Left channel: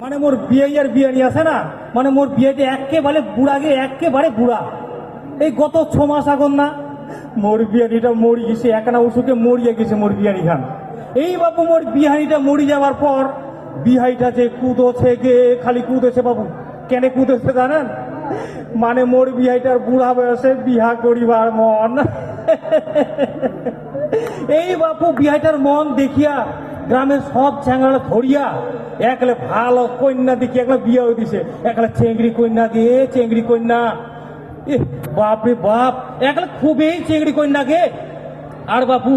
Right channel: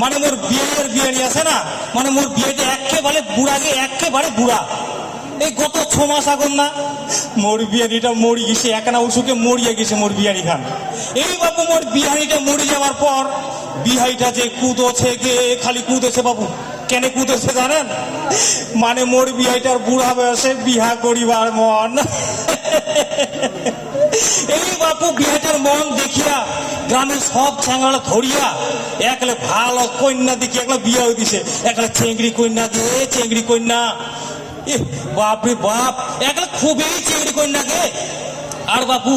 মানে মোর বিয়ের বিয়ানি আছে না, মানে মোর বিয়েটা একেবারে বুড়াগে, একেবারে বুড়া। এই গত 6 মাস আগুন না মোর বিয়ানিটা মরি গেছে, একনা ওষুকে মরিয়ে গেছে মোর বিয়ানি খান। এই বাবু মোর বিহারিটা মরি যাওয়ার পর বিহাইটা যে কুদোছে গে, খালি কুদেছে বাবু। কেন কুদেছে জানেন? মানে মোর বিহাইটার বুড়া বয়সে বিহা করিবার মন। এই বাপু বিহাইটার মন দেখিয়া গ্রামের সব ছেঙ্গাড়া ধরিয়া একলে ভালো কন্যা দেখি একলা বিয়াও দিছে, একলা চেংড়ি কন্যা দিয়ে, চেংড়ি কন্যা। বাপরে বাপ, একলা খুবই চেংড়ি কন্যা গে। আর বাপু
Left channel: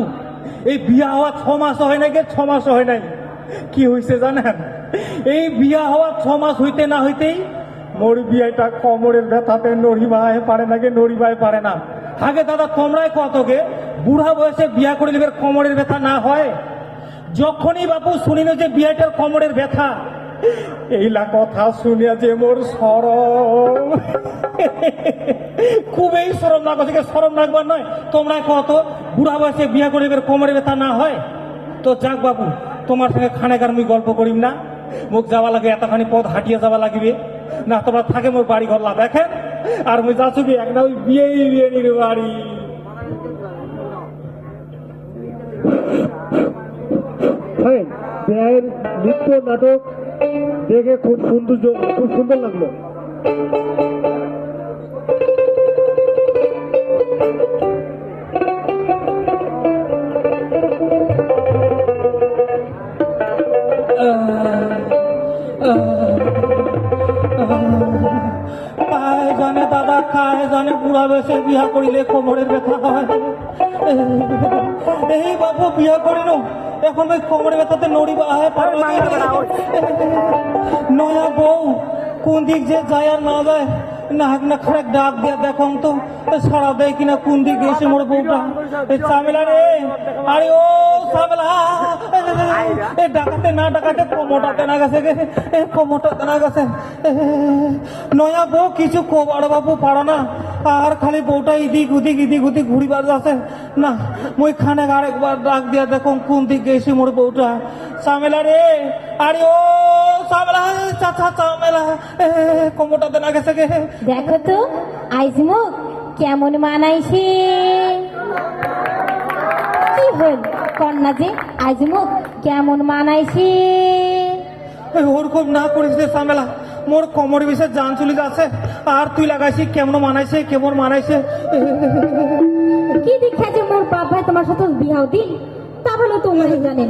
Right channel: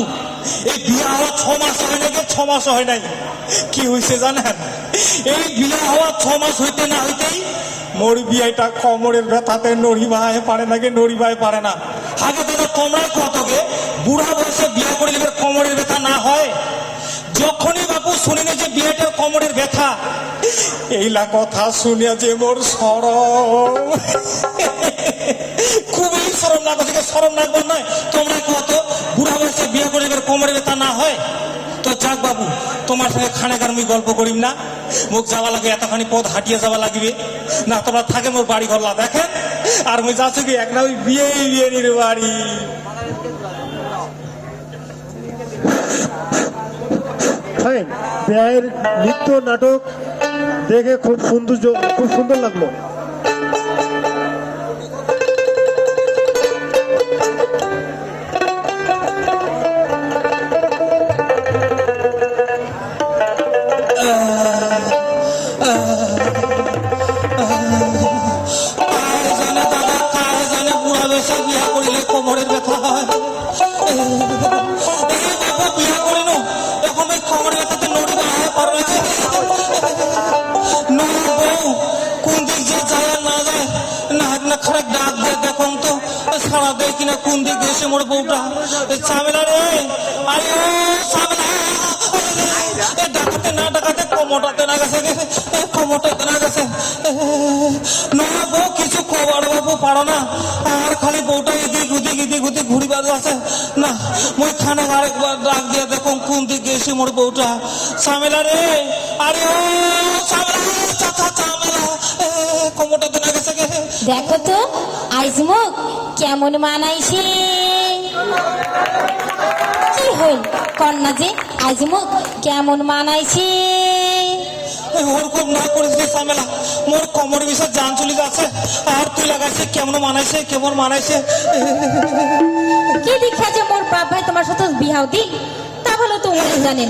এই বিয়া হওয়া 6 মাস হয় না গে, 6 মাস হয় নাই। কি হয়েছে জানেন? এই বিয়া হওয়া 6 মাস হইতে না হইতেই মোর বিয়াটা কোমরের ব্যথাতে নড়িবাই পারে না গে, নড়িবাই পারে না। আগে দাদা তোমরাই কত গে বুড়া বয়সে বিয়া করে নিবে কোমরের ব্যথা না হয়? যখনই বাপু শুনি না যে বিয়েটার কোমরের ব্যথা, এইলা কথা শুনিয়া যে মোর সরম, খুবই সরম লাগবে। সরম লাগবার নয়, তোমরা কত বুড়া বয়সে বিয়া করে নিবে কোমরের ব্যথা না হয়? তো যাক বাবু, তোমার সঙ্গে খানাগার মুই গল্প করিম না। মুখ যাওয়া লাগে, এতখানি পথ হাঁটিয়ে যাওয়া লাগবে না। তোমরা থাকে মোর বাড়ি ঘর দেখেন, আর মুই যাচ্ছি কি একটা ওই বিয়ের বাড়ি। বিয়ের নৃত্য নাটক দেখে খুব সুন্দর লাগলো। জানে দাদা, কায় জানে বুড়া বেশে বিয়া করিলে কোমরের ব্যথা হয়। এই বাবু বিয়া করিল, এখন ওই কোমরের ব্যথাতে নড়িবা হয় পারবে না। বউ কোন দিক যে যায় আর না যায়, না না খারাপ ডাক দেয় দেখুন তো, সারা দেয় কিনা কোন দিক গেছে মোর বউটা। চামেলা রে, আরে ও চামেলা, ডাকাতে না ডাকাতে কোমরটাতে না গেছে, কোমরটাতে না গেছে। নয়া বউ কিছু কবার বাবু পারো না, আর খালি বউটা এদিক ওদিক ঘুরি বাজু আছে না। মুই খানে আরেকবার ডাক দিয়া দেখো কোন দিক গেছে মোর বউটা। চামেলা রে, আরে ও চামেলা, চাচা চামেলা, কোমরটাতে না গেছে। দেখো তো আইজমুখ কেমন মানাইছে। কি হইল কন্যা যে আইজমুখ কেমন মানাইছে? ওরকম না করিস চামেলা, মোর কোমর বিষয়ে জান চলে যাচ্ছে। আর তুই লাগাইছে কেমন মানাইছে, কেমন মানাইছে। কি দেখা যে মোর বাপ ভাই তোমার সাথে বিয়াও দিন, তা বলে তোমার জানেন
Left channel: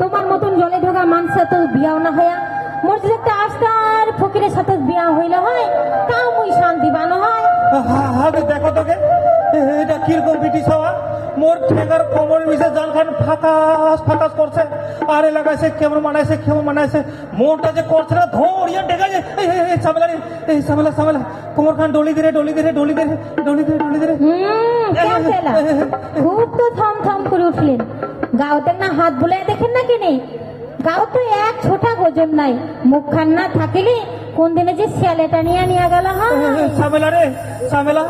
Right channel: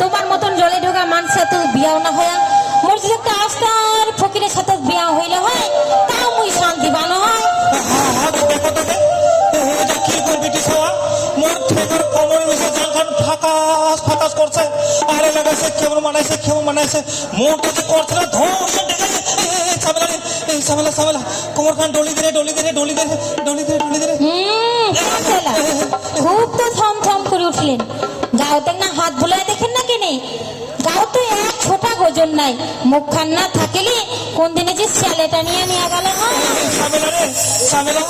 তোমার মতন জলে ঢোকা মানুষের তো বিয়াও না হয়। মোর যে একটা আস্তার ফকিরের সাথে বিয়া হইলে হয়, তাও মুই শান্তি বানো হয়। হ্যাঁ দেখো তোকে, এটা কিরকম ব্রিটিশ হওয়া। মোর ঠেকার কোমর বিষয়ে জান খান ফাঁকাস করছে। আরে লাগাইছে কেমন মানাইছে, কেমন মানাইছে। মোরটা যে করছে না ধরিয়া ঠেকাইছে। সামেলা কোমর খান ডলি দে। খুব তো থম করে উঠলেন। গাওতে না হাত ভুলাই দেখেন না কেনে, গাও তো এক ছোটা গোজন নাই। মুখ খান না থাকিলে কোন দিনে যে ছেলেটা নিয়ে গেল। সামেলা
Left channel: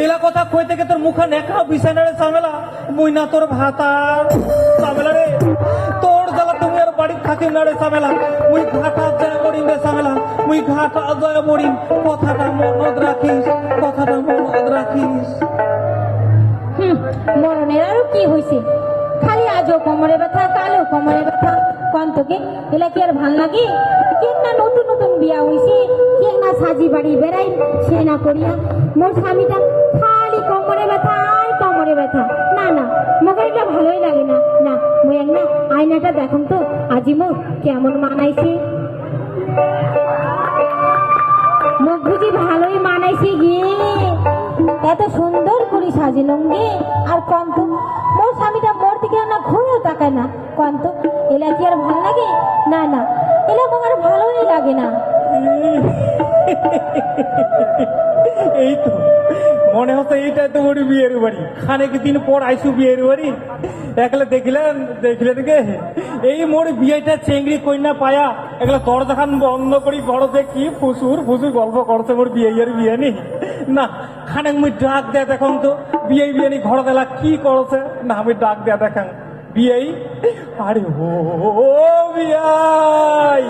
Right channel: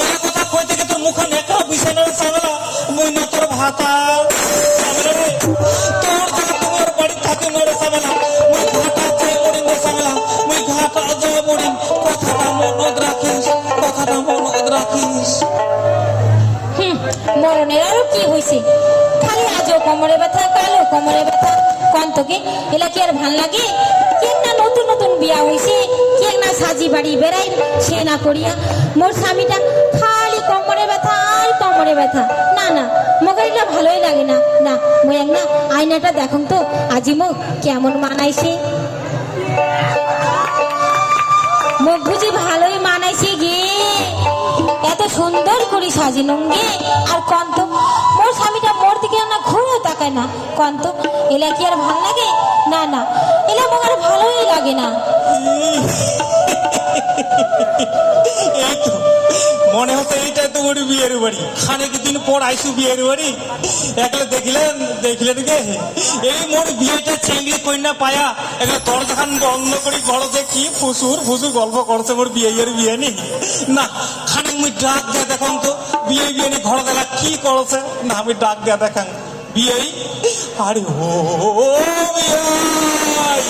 এরা কথা কই থেকে তোর মুখ নেকা বিছানা রে সামেলা, মুই না তোর ভাতা। সামেলা রে, তোর জায়গা তুমি ওর বাড়ি থাকি না রে সামেলা, মুই ঘাটা যায় মরিম রে সামেলা, মুই ঘাটা যায় মরিম। কথাটা মনত রাখিস। মরণের আরো কি হয়েছে? খালি আজও কোমরে ব্যথা, কালো কোমরে ব্যথা। কন্তকে এলা কি আর ভাল লাগে? কে না নতুন বিয়া হইছে, কে না সাজি বাড়ি বেড়াই সে না করিয়া মোর স্বামীটা খালি কোমরে ব্যথা আর কোমরে ব্যথা। না মোকারিটা ভালোই লাগে না। না মুই এক না আয়নাটা দেখুন তো আজি মুখ কেমন মানাইছে। মুখ বুঝি ভালোই মানাইছে গে, এত সুন্দর করে সাজিলুম গে। আর কন্ত মোর স্বামীটা মোর দিকে না ঘুরেও তাকায় না। কন্ত এলা কি আর ভাল লাগে? না এলা মোক আর ভালোই লাগে না। এই তো মনে হচ্ছে এইটাই তো ওর বিয়ের বাড়ি। খানেক দিন পর আইসু বিয়ের বাড়ি, একলে দেখলেন গে এই মোর বিয়েটা চেংড়ি কন্যা পায়া একলে দরজা খান বন্ধ করি ঘর যে কি ফুসুর গল্প করছে মোর বিয়ে নি। না খানেক মুই ডাক দেয়া দেখুন তো বিয়ে নি ঘর দেলা কি করছে। না আমি ডাক দেয়া দেখান বিয়ে। আরে ও বিয়াই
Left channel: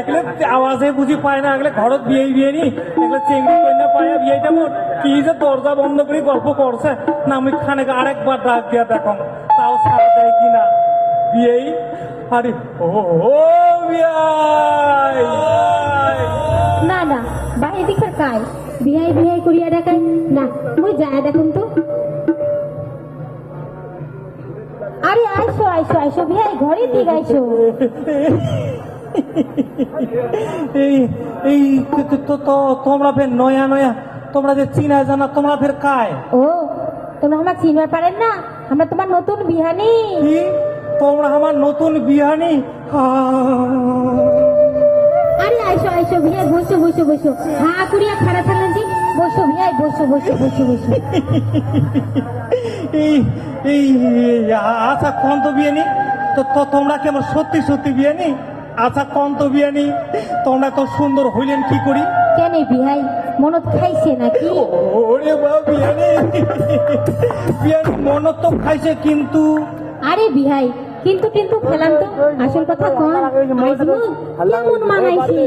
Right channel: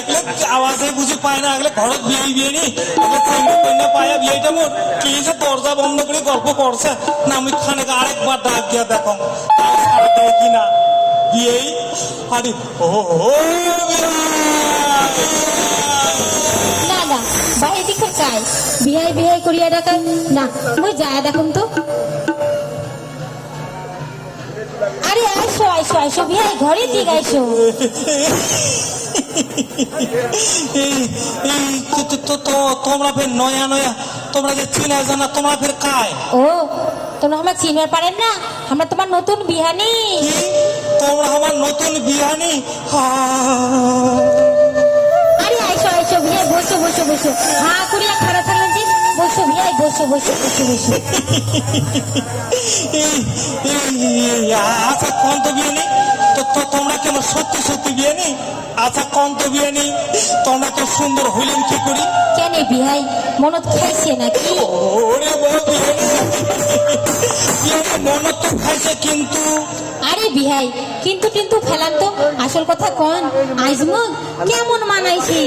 একলে আওয়াজে বুঝি পায় না, একলে ঘরত বিয়ে নি একলে চেংড়ি কন্যা পায়া বিয়েটা মোর কি যে দরজা বন্ধ করে গল্প করছে না, আমি খানেক আরেকবার ডাক দিয়া দেখো তাও সারা দেয় কিনা বিয়েই। আরে ও বিয়াই না না বাইরে দিকে কায় বিহাই বিহাই করিয়া ডাকায় না, মই যায় দেখুন তো। আরে আইসো আইসো আইসো বিহাই ঘরে দিক আইসো। এই এই তোমরা ফের নয়া নয়া তোমরা যে চিনা জানা তোমরা ফের কায়? ও তোমরা আমার চিনবার পারেন না, আমরা তোমার নতুন বিহানি। কি তোমরা আমার নতুন বিহানি? আরে আইসো আইসো বিহাই বসো বসো বসো, হা করিয়া খাড়া থাকলেন যে বসো বিহাই বসো বসো বসো বসো। এই এই আচ্ছা কোন তো বিয়ানি তো তোমরা কেমন সত্যি সত্যি বিয়ানি? আচ্ছা কোন তো বিয়ানি তোমরা তো সুন্দর হইলেন কি করি? কেন বিহাই মনত খাইছে নাকি? ওরে বাবা বিয়ানি বিয়ানি মনত তো খাইছে কিন্তু। আরে বিহাই কিন্তু কিন্তু ফেলাম তো আসল কথা কন, আইজমগ কেমন মানাইছি?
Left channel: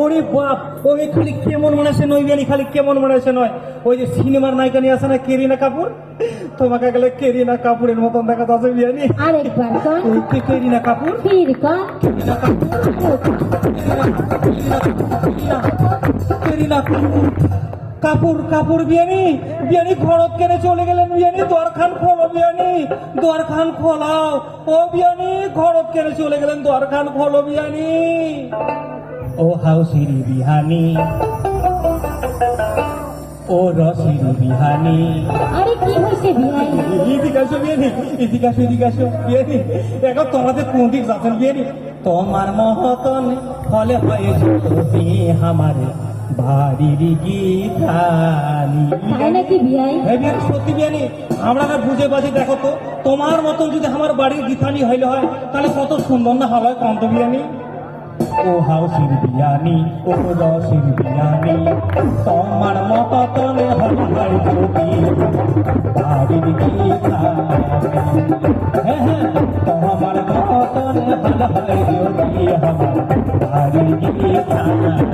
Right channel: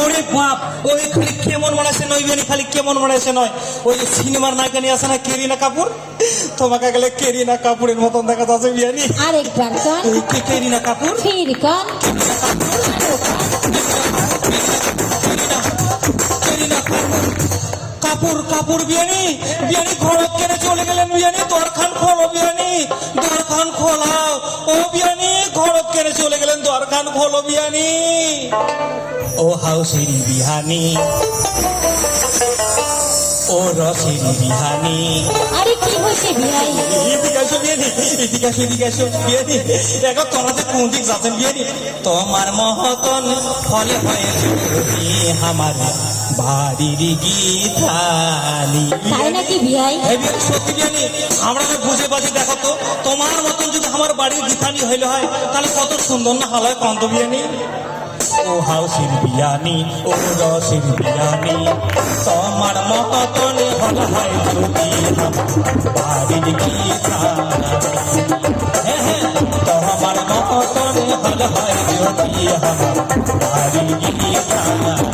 ওরে বাপ ওই খালি কেমন মানাইছে নয় বিয়ানি, খালি কেমন মানাইছে নয়, ওই যে সিনেমার নায়িকা নিয়ে আসে না কেরিনা কাপুর, তোমাকে গেলে কেরিনা কাপুরের মতন দেখা যাচ্ছে বিয়ানি। আরেকবার কন। ওই কেরিনা কাপুর ফির কন। কেরিনা কাপুর কাপুর বিয়ানি বিয়ানি ঘরত কেনে চলে গেলেন বিয়ানি? দরখান খোলো বিয়ানি, দরখান খোলাও। ও বিয়ানি ঘরত কেনে চলে গেলেন? দরখান খোলো বিয়ানি। ও হাউসিরি বিহানি, ও রসিরি বিহানি। আরে কি হয়েছে বিহাই? এদিকে আসো বিয়ানি, এদিকে আসো এদিকে আসো বিয়ানি। দেখো তোমাদের কোন দিক যাচ্ছেন বিয়ানি? তোমার মহতন ফলে হয়েছে আমার বাড়ির গীতালি। তাই নাকি বিহাই? সত্যি বিয়ানি আমরা না বুঝে বাজে দেখো তো, তোমার মতন যদি আমার বাড়ির গীতানি হইলে হয় তাহলে কত সুন্দর না হলো কন্ত বিয়ানি। ও হাউসির বিয়ানি, ও রসির বিয়ানি, তোমার মতন হলে হয় যদি বাড়ির গীতানি। হ্যাঁ হ্যাঁ তোমার মতন হলে হয় যদি আমার বাড়ির গীতানি।